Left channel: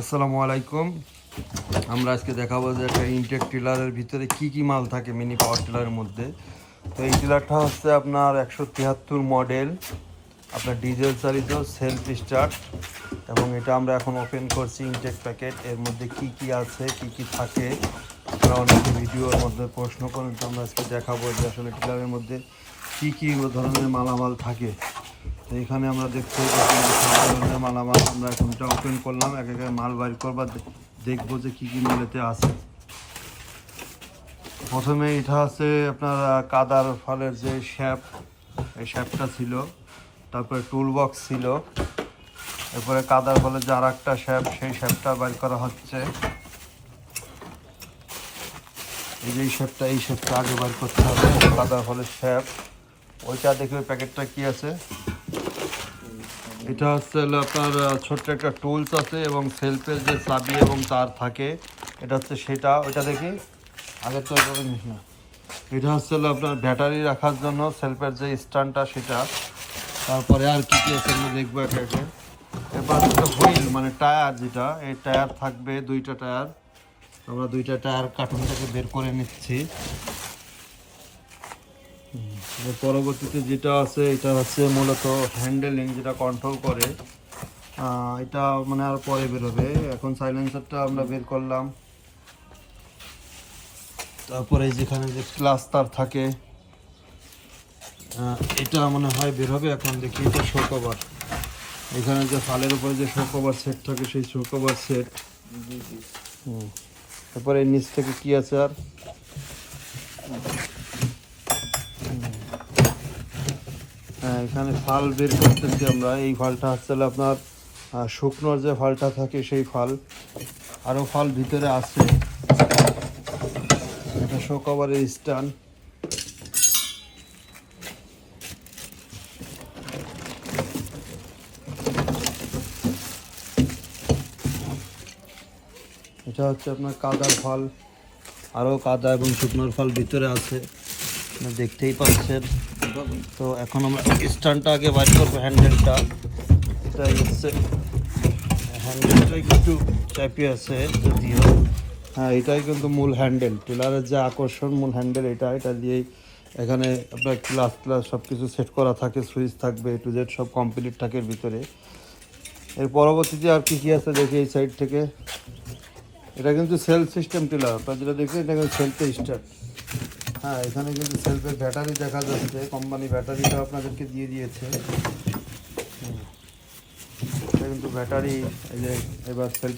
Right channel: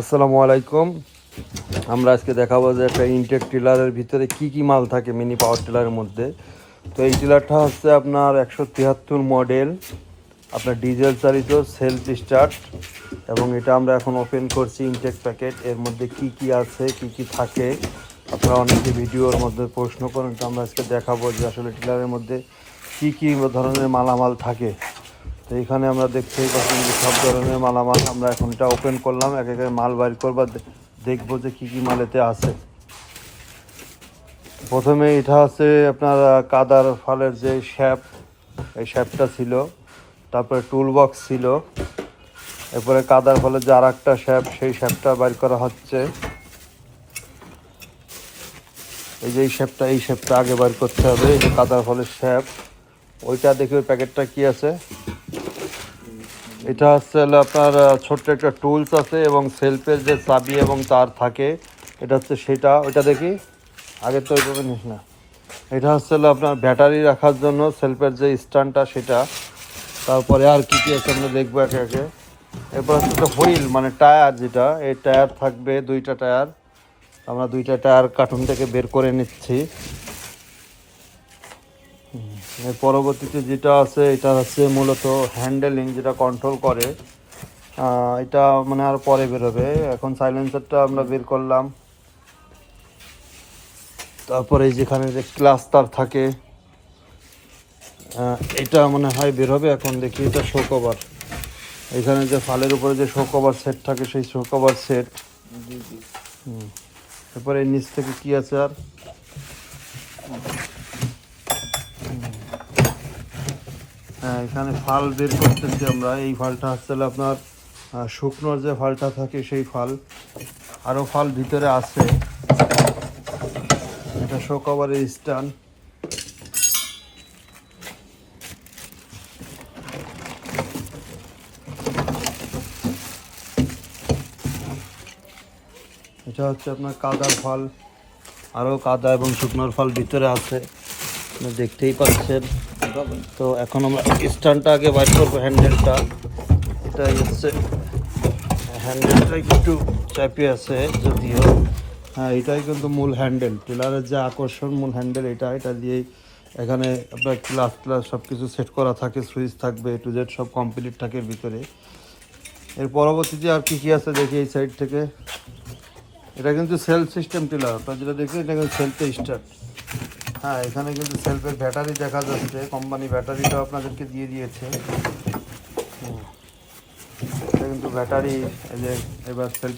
আসসালামু আলাইকুম। আমরা আজকে দেখাবো যে একটা ইনটেক টিলারের ভিতরে কি কি মাল থাকে মিনি পাওয়ার টিলারের মধ্যে। তো এই টিলারটা হচ্ছে আপনার 173 মডেল, আপনার ডিজেল চালিত, সেলফ স্টার্ট, এবং এটা আমরা এখন ওপেন করছি ইনটেক প্যাকেট। এর মধ্যে কি কি আছে, কি কি থাকে, আপনারা অনেকে ভিডিওর মধ্যে প্রশ্ন করেন। তো আমরা আজকে দেখাবো যে আসলে টিলারের মধ্যে কি কি ধরনের মালামাল থাকে। তো এখানে আমরা দেখতে পাচ্ছি সব ধরনের মালামাল। আমরা এখন এটা ওপেন করলাম, এক এক মাল বাইর করবো, দেখবো যে কি কি মাল এতে আছে। প্রথমে এটা আছে আপনার কাদার ফালের যে শ্যাপ, এই শ্যাপটা ছিল। তারপরে টুল বক্স ছিল। এরপরে কাদার ফলের যে আর একটা শ্যাপ, সেই শ্যাপটা বাইর করা হচ্ছে। এই যে এই শ্যাপটা আগে বাইর করতে হবে, কাদার ফলের শ্যাপ। ওইটা দেখি ওই প্যাকেটটা কি আছে। এটা হচ্ছে আপনার ছোট্ট একটা টুলস আছে এবং সেলফের যে চাবি এবং তার থাকে, এটা হচ্ছে সেটা। ওটা দেখি আগেরটা, ওইটা দেখ না। এটা হচ্ছে আপনার ব্যাটারি রাখার জন্য সেলফের যে স্ট্যান্ডটা, সেটা। তারপরে আর কি কি আছে আমরা দেখবো একে একে। এরপর হচ্ছে হুইল, মানে টায়ার, যেটা এই টায়ার থাকবে, দুইটা টায়ার। আমরা দুইটা টায়ার কার্টুন থেকে বের করে নিচ্ছি। এর পরবর্তীতে যেটা আছে, এটা হচ্ছে মূলত হ্যান্ডেলিং, যেটা কন্ট্রোল করে। এটা মানে আর পরে বেরোবে। এখন সাইলেন্সারটা আমরা বের করলাম। তারপরে যেখানে যে ক্লাস তার থাকে, এটা মনে হয় বের হবে। এখন দেখি এটা শো কভার। এখানে যে ফালের উপরে যে শো কভার সেট থাকে, সেই শো কভার সেট। তারপরে নিচ থেকে কি আছে আর, হ্যাঁ, এখানে ফাল বের করতেছি আমরা। এই ফালটা হচ্ছে আপনার শুকনোর যে ফালটা থাকে, সেই ফাল। আরও ফাল ভিতরে আছে। এটা শো কভারের স্ট্যান্ড। এটা হচ্ছে আপনার কাদার ফাল। আরও কাদা এবং শুকনোর ফাল ভিতরে আছে, দেখতেই পাচ্ছেন। তো এখন আমরা স্ট্যান্ডটা আগে বাইর করবো, হ্যান্ডেলটা। এটা হচ্ছে হ্যান্ডেলটা একটু চাপি আছে যদিও। হ্যাঁ, এটাই কিন্তু মূল হ্যান্ডেল, টিলারের যে আকর্ষণ, মূল হ্যান্ডেল এটা। এটা দিয়েই এখানে আপনার ক্লাস সব কিছু সেট করা থাকে, সুইচ থাকবে, টু জেড সব কমপ্লিট থাকে ভিতরে। এর পরবর্তীতে আর কি কি আছে দেখি এই সাইড থেকে। এটা কিন্তু সেলফ সিস্টেম টিলার, আপনার যেটা দেখবেন এটা কিন্তু সেলফে স্টার্ট। হ্যাঁ, এখানে কিন্তু সেলফের ব্যাটারি দেখা যাচ্ছে, কোম্পানি ব্যাটারিটাও আপনাদেরকে দিয়ে দিয়েছে। কিন্তু ব্যাটারি, এবার সেলফে